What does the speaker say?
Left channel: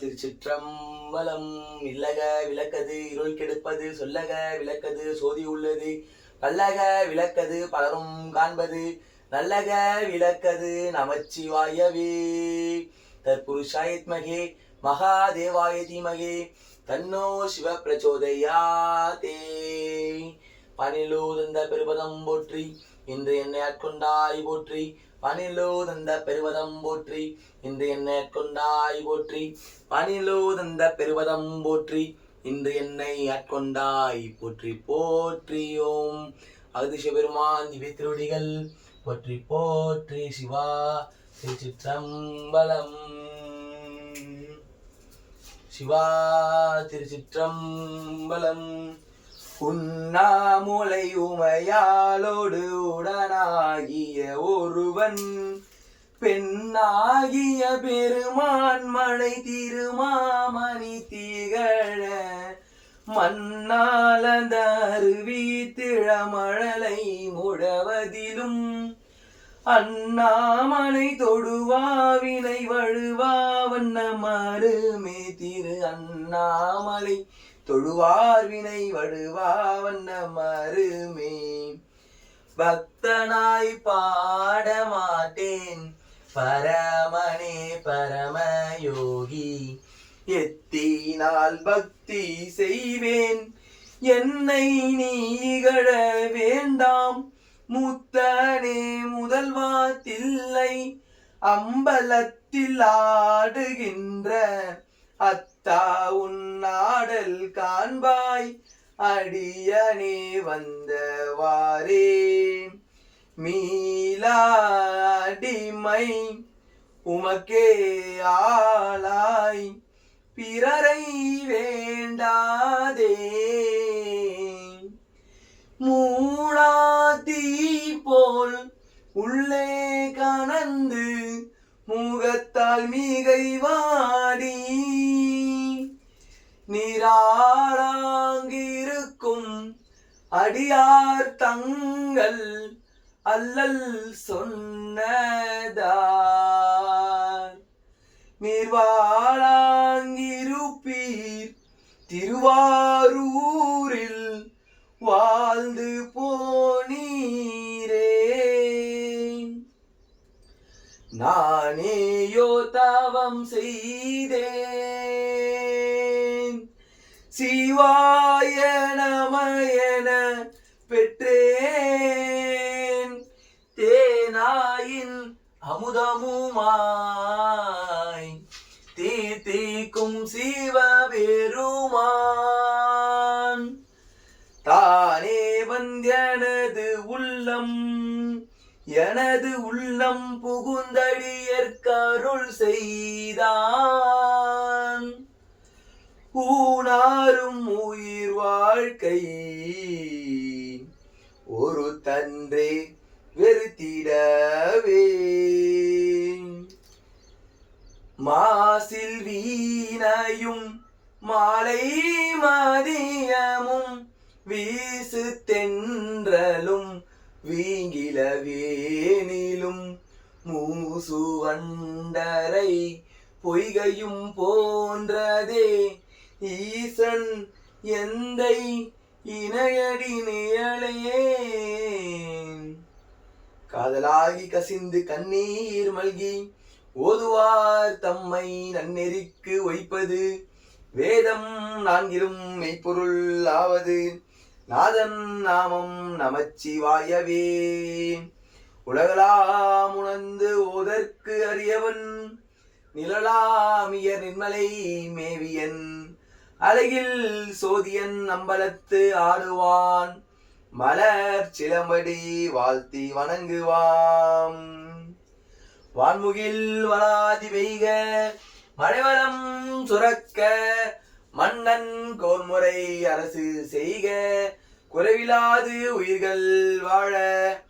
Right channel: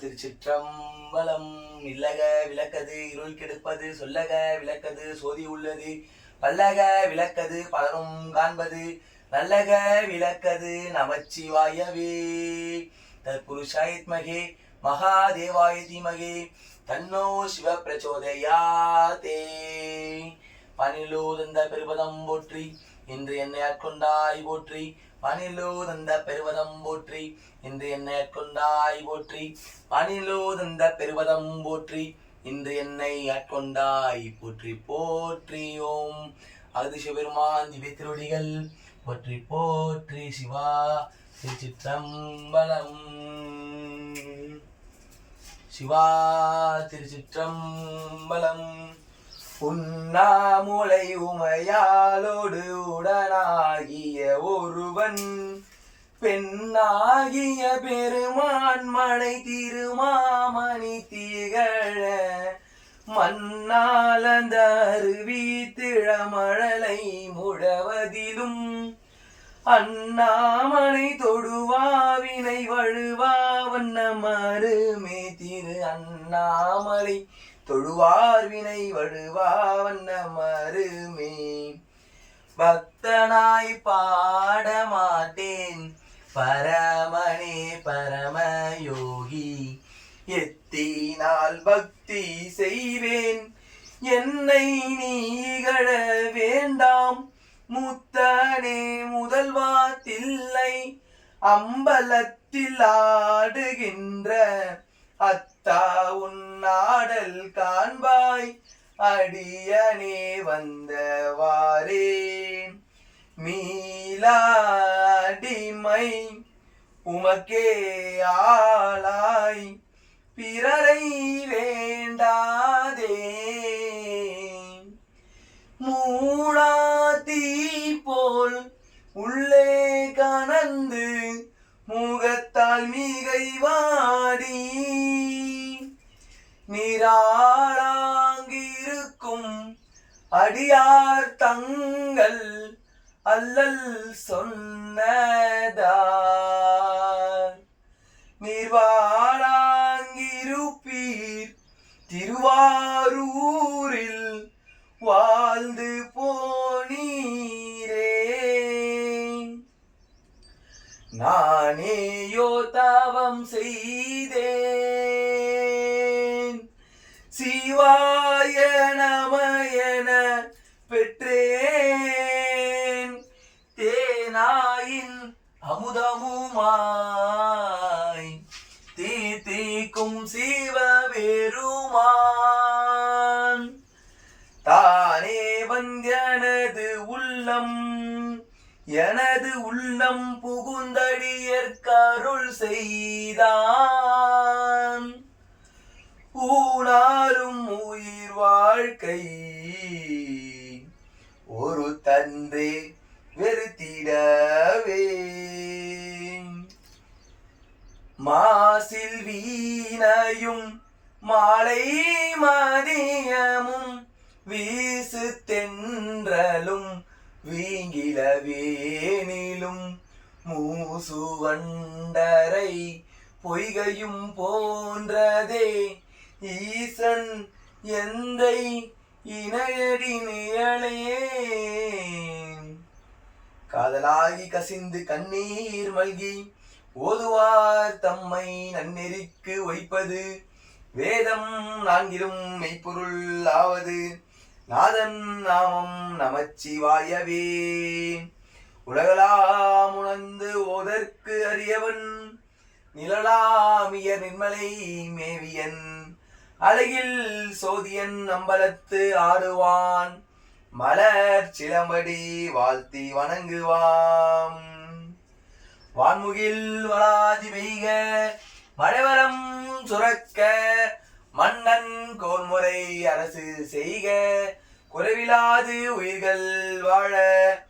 திருச்சிற்றம்பலம். இல்லக விளக்கது இருள் கெடுப்பது, சொல்லக விளக்கது சோதி உள்ளது, பல்லக விளக்கது பலரும் காண்பது, நல்லக விளக்கது நமச்சிவாயவே. தற்புருஷாயத்மகே மகாதேவாய தீமகே தன்னோ சிவ பிரச்சோதயாதே. பனிலோ தந்த பெருபதம் போற்றி, இன்று என்னை ஆட்கொண்டாய் போற்றி. பனிலோ தந்த பெருவதம் போற்றி, இன்று என்னை ஆட்கொண்டாய் போற்றி. பனிலோ தந்த பெருவதம் போற்றி, இன்று என்னை ஆட்கொண்டாய் போற்றி போற்றி. ஓம் அகதிஷ பெருமான் திவ்ய திருவடிகள் போற்றி போற்றி. சிவா திருச்சிற்றம்பலம். சிவா திருச்சிற்றம்பலம். உண்ணாமுலை உமையாலோடு உடனாகிய ஒருவன், பெண்ணாகிய பெருமான் மழை திருமாமணி திகழ, மண்ணாலந்த அருவி திழமழலை முழவதிலும், அண்ணாமனை தொடுவாவினை வழுவா வண்ண மருமே திரு அண்ணாமலை தொழுவார் வினை வடுவா வண்ண மருமே. பக்தனாய் பாடமாட்டேன் பரமனே பரமயோகி, எத்தினால் பக்தி செய்வேன் என்னை நீகழ வேண்டாம். முத்தனே முதல்வா தில்லை அம்பலத்தில் ஆடுகின்ற, அத்தா உன்னாடல் காண்பாய் அடியனே வந்தவாரே. மீளாடிமை உமக்கே ஆளாய் பிறரை வேண்டாதே, மூடாதீ போல் உள்ளே கனந்து முகத்தால் மிகை வாடி, நீராளாங்கிருக்கும் அடியார் தங்கள் அல்லல் சொன்னதார். நீர்வாழாங்கிருப்பீர் திருவாரூரில் வாழ்ந்து போனீரே. நானேயோ தவம் செய்தேன், சிவாய நமயன பெற்றேன். தேனாயின் அமுதமுமாய் தீர்த்திக்கும் சிவபெருமான், தானே வந்தனது உள்ளம் எனது உள்ளம் புகுந்தடியற்கருள் செய்தான். ஊனாரும் உயிர் வாழ்க்கை ஒரு தன்றே வெறுத்திடவே, மாசில் வீணையும் மாலை மதியமும் வீசு தென்றலும் வீங்கிலவேனிலும், மூசுவண்டரை பொய்கையும் போன்றதே ஈசன் எந்தை இணையடி நிழலையே. காதலாகி கசிந்து கண்ணீர் மல்கி ஓதுவார் தம்மை நன்னெறிக்கு வைப்பது, வேதம் நான்கிலும் மெய்ப்பொருள் ஆவது, நாதன் நாமம் நமச்சிவாயவே. உலகலாம் உணர்ந்து ஓதற்கு அறியவன், நிழலாமிய நிர்மலை மேவியன், அழகில் சோதியன் அம்பலத்து ஆடுவான், மலர் சிலம்படி வாழ்த்தி வணங்குவான். வான்முகில் வளாதி பெய்க மழைவரம் சுரக்க, மன்னன் கோன்முறை அரசு செய்க, குறைவிலாது உயிர்கள் வாழ